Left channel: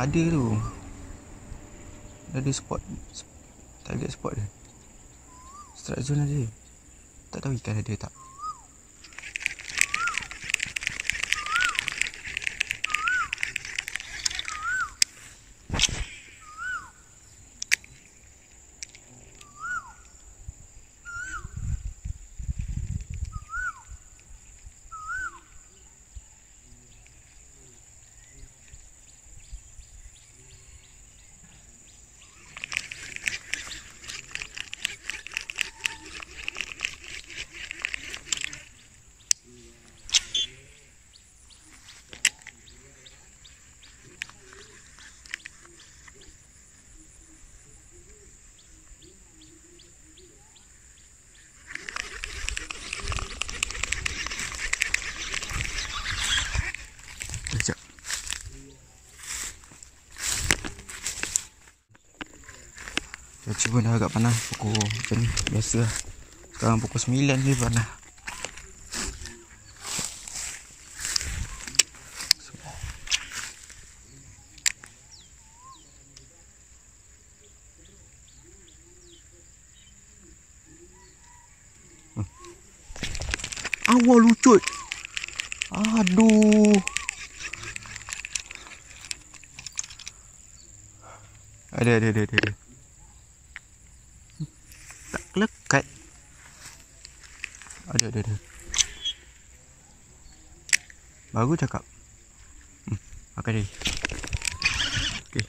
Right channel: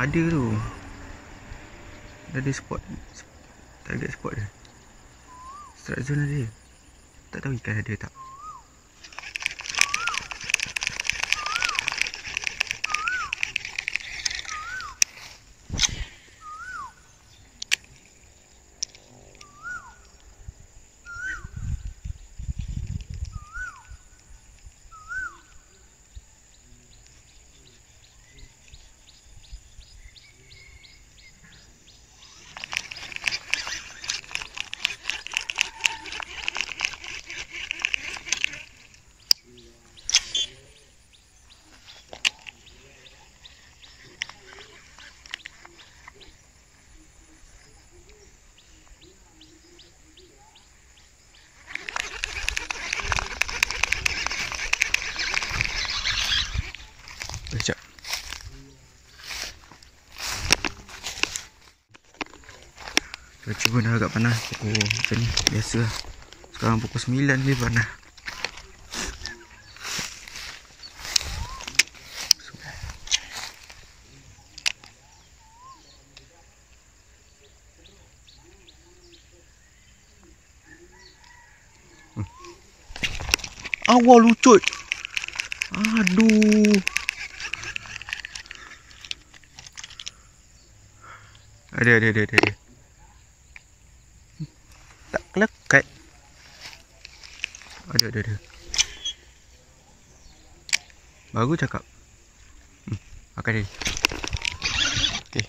Ada tu. Ada spot. Target spot dia. Strike zone ada. Tak tahu ikan ada tak. Sekejap. Cuaca pun dah agak panas. Pukul macam ni. Biasa lah. Sekarang pukul 9 ni panas. Awal lucut. Aduh. Ada. Tak kelekat. Ada. Baru cakap. Makan dia. Okay.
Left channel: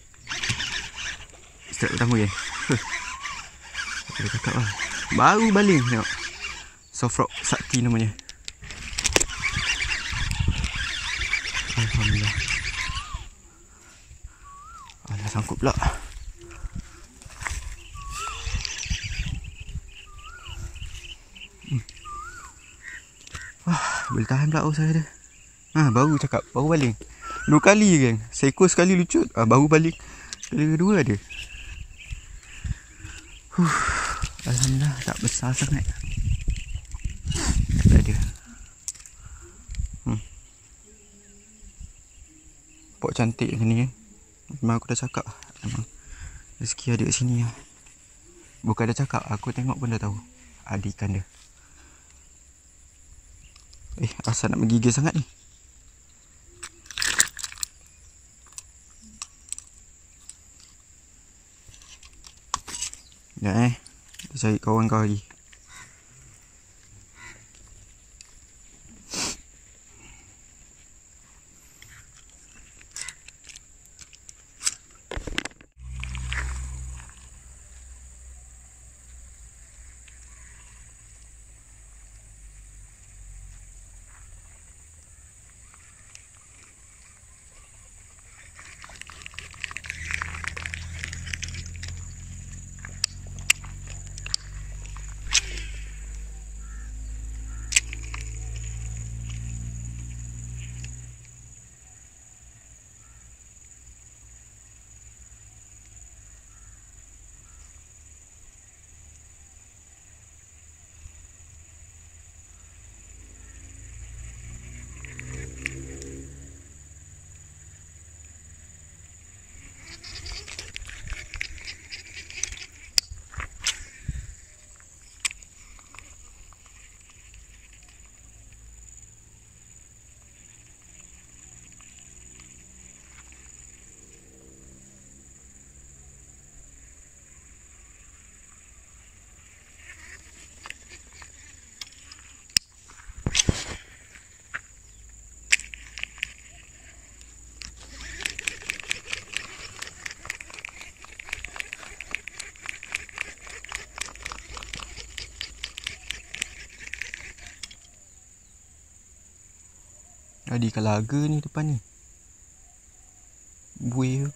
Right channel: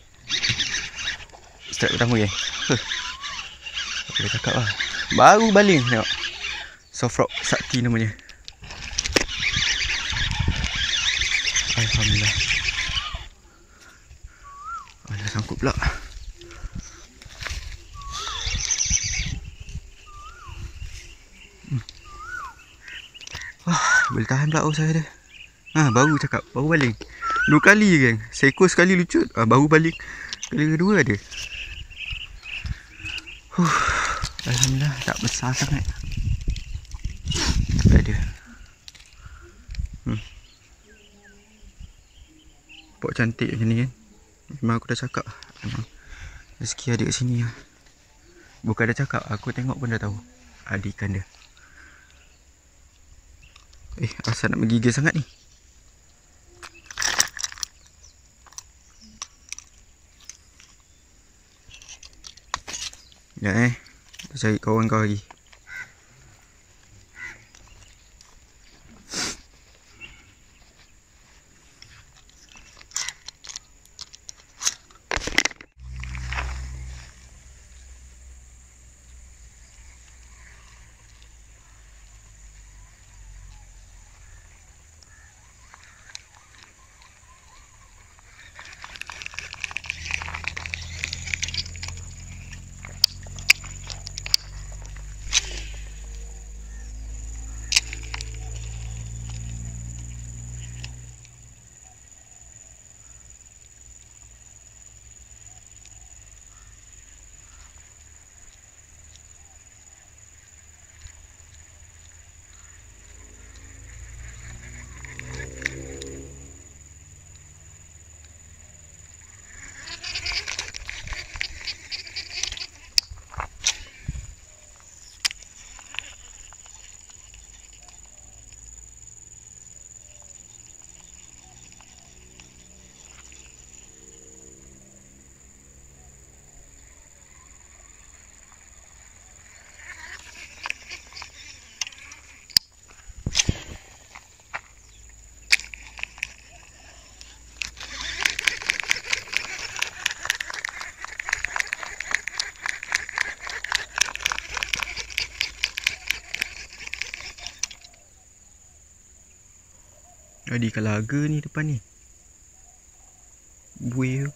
Strike pertama kan. Aku dah cakap lah. Baru baling tengok. Soft rock sakti namanya. Alhamdulillah. Alah, sangkut pula. Boleh tahan pula saya dia. Baru cakap, baru baling. 2 kali kan. Seekor sekali lucut. Baru baling. Kali kedua ada. Alhamdulillah, tak besar sangat. Tak ada. Pok cantik macam ni kan. Memang aku dah cakap. Memang rezeki ada kat sini lah. Bukan dah cakap, aku tengok pun dah tahu. Ada ikan dia. Asal nak menggigil sangat ni. Ya kita cari kawan kau lagi. Ada ikan laga ni depan ni. Buih tu.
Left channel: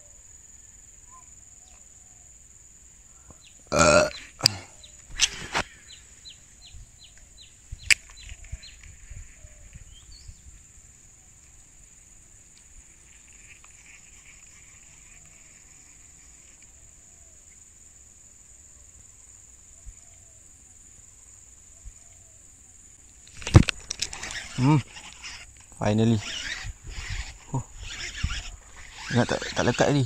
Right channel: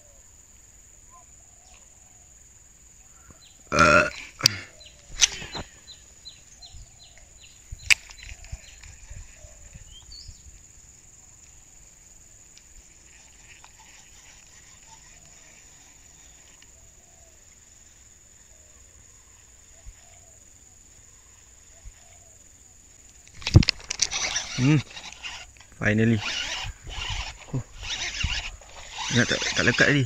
Finally. Ingat tak lekat tadi.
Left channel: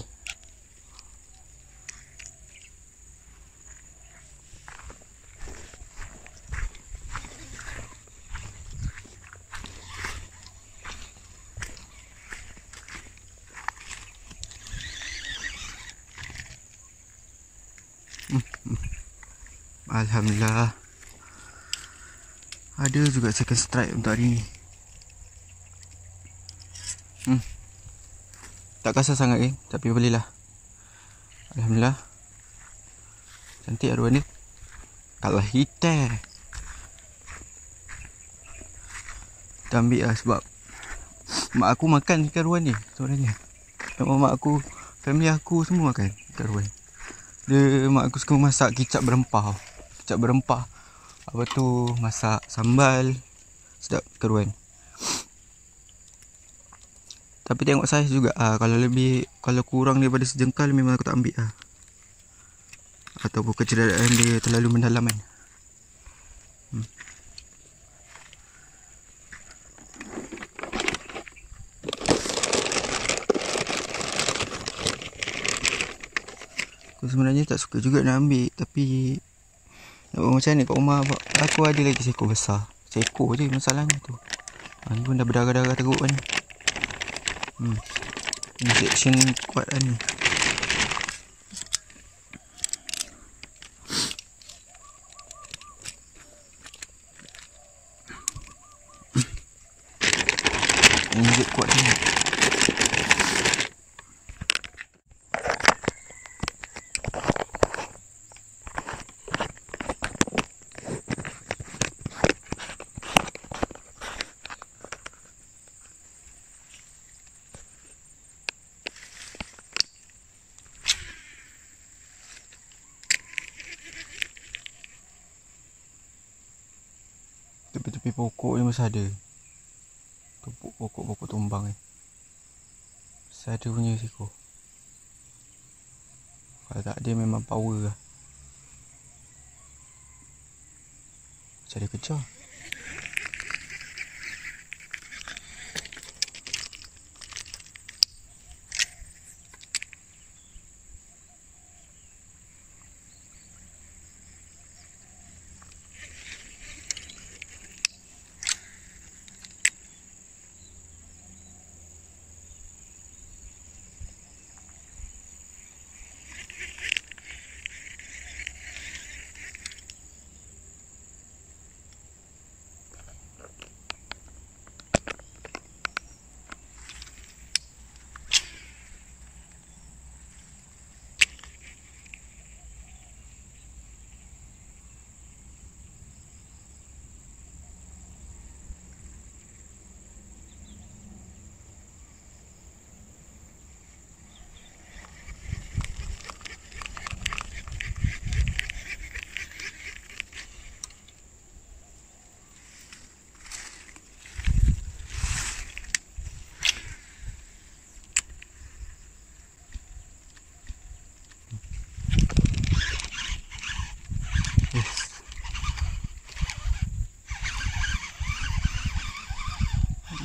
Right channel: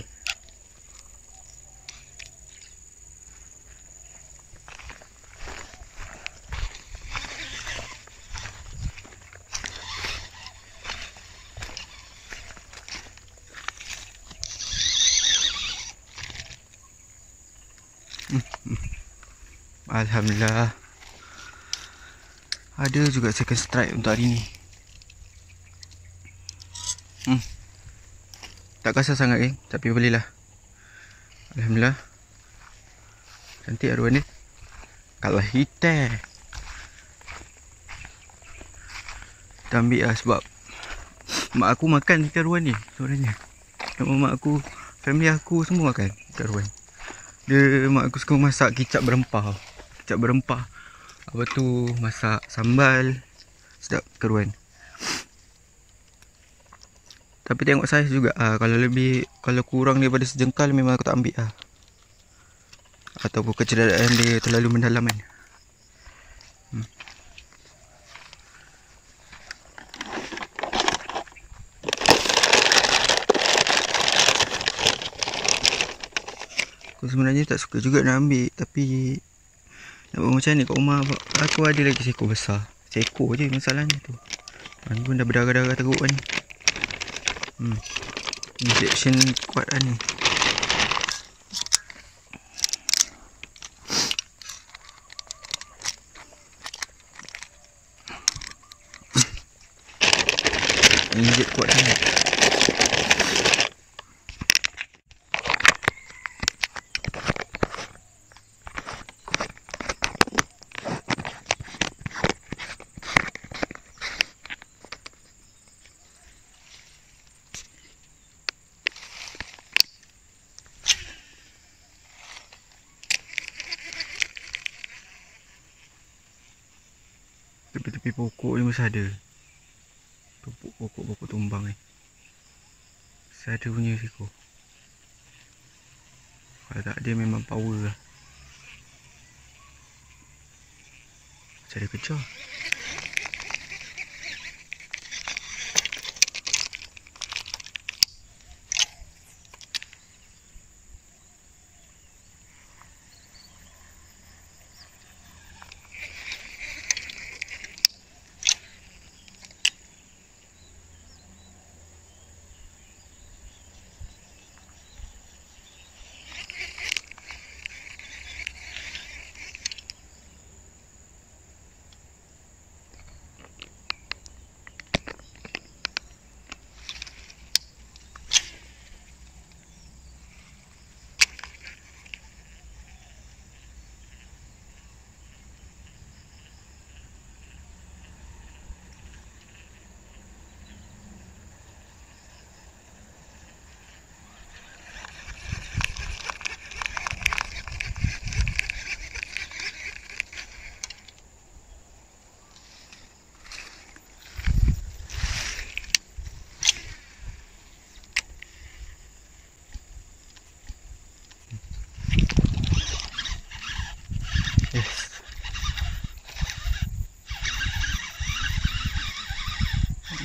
Alhamdulillah. Ada juga second strike untuk hari ni. Tak kasar sangat tapi boleh lah. Alhamdulillah. Cantik aruan ni. Kalau hitam kita ambil lah sebab mak aku makan ikan ruan ni sebenarnya. Mak aku, family aku semua makan ikan ruan. Mak aku suka masak kicap berempah. Apa tu, masak sambal. Sedap keruan. Tapi tengok saiz juga. Kalau kurang daripada sejengkal memang aku tak ambil lah. Ataupun kecederaan dia terlalu mendalam kan. Aku sebenarnya tak suka juga nak ambil. Tapi nak buat macam ni kat rumah. Aku ada lagi seekor besar. Seekor je masalahnya tu. Ni pun dah berdarah-darah teruk kan. Injection kuat lah ni. Injek kuat ni. Tepi-tepi pokok ni masih ada. Pokok tumbang ni. Masih ada punya seko. Kalau tak ada memang power lah. Macam ada kejar.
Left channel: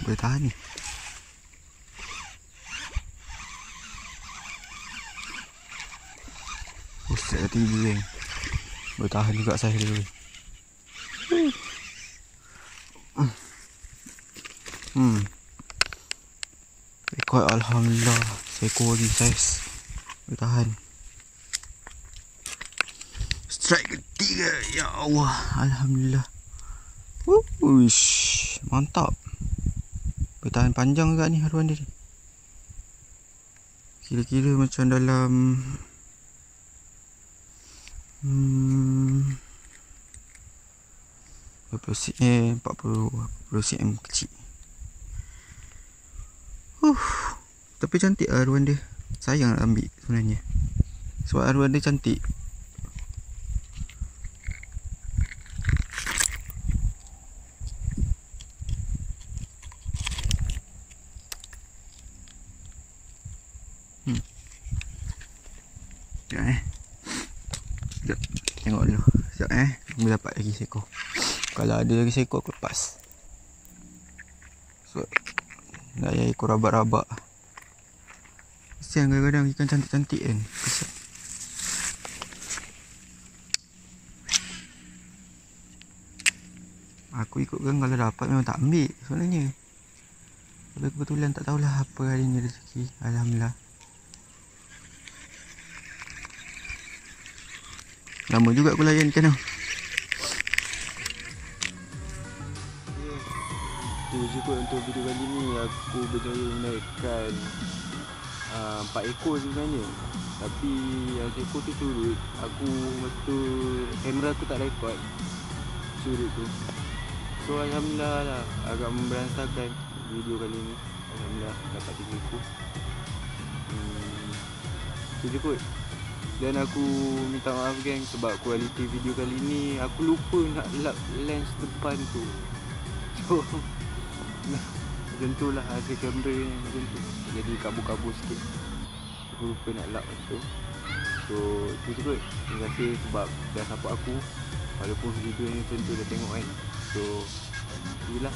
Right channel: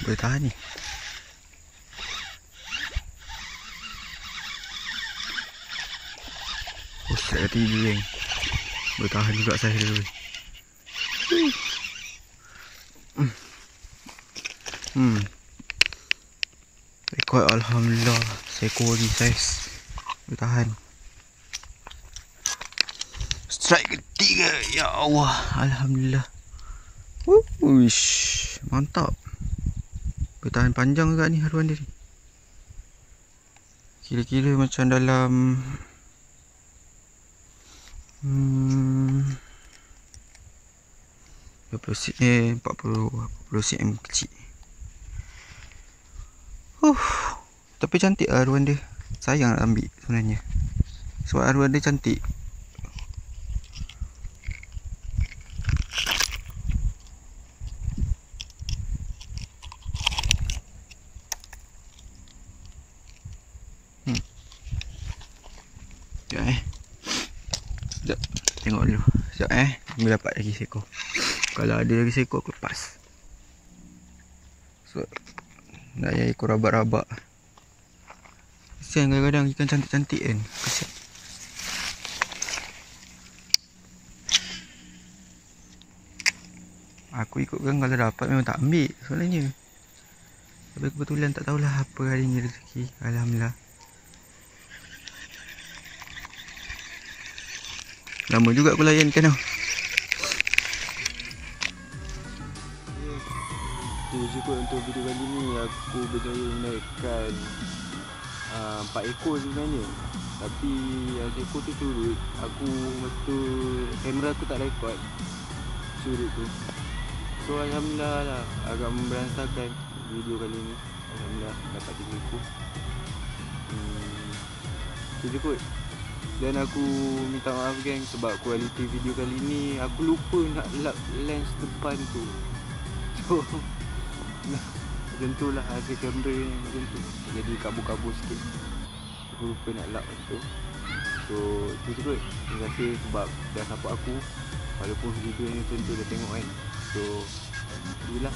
Boleh tahan ni. Set kata gigi kan. Boleh tahan juga saya dulu. Rekod alhamdulillah. Seekor lagi saiz. Boleh tahan. Strike ketiga. Ya Allah. Alhamdulillah. Wush, mantap. Bertahan panjang juga ni haruan dia. Kira-kira macam dalam 40 cm kecil. Tapi cantik haruan dia. Sayang nak ambil sebenarnya. Sebab haruan dia cantik. Sekejap. Tengok dulu. Sekejap Boleh dapat lagi seekor. Kalau ada lagi seekor aku lepas. So, nak ekor rabak-rabak. Kesian kadang-kadang ikan cantik-cantik kan. Kesian. Aku ikutkan kalau dapat memang tak ambil sebenarnya. Tapi kebetulan tak tahulah apa hari ni rezeki. Alhamdulillah. Lama juga aku layan ikan tau. Itu je kot untuk video kali ni. Aku berjaya menaikkan 4 ekor sebenarnya. Tapi yang seekor tu surut. Aku masa tu kamera aku tak rekod surut tu. So alhamdulillah lah, agak memberantakan video kali ni. Alhamdulillah dapat 3 ekor. Itu je kot. Dan aku minta maaf geng sebab kualiti video kali ni aku lupa nak lap lens depan tu. So macam tu lah hasil kamera yang macam tu. Jadi kabur-kabur sikit. Aku lupa nak lap tu. So itu je kot. Terima kasih sebab dah support aku. Walaupun video ni macam tu dah tengok kan. So itulah.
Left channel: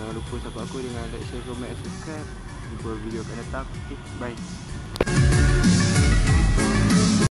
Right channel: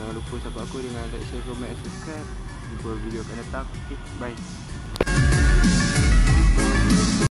Jangan lupa support aku dengan like, share, komen, subscribe. Jumpa video akan datang. Okay, bye.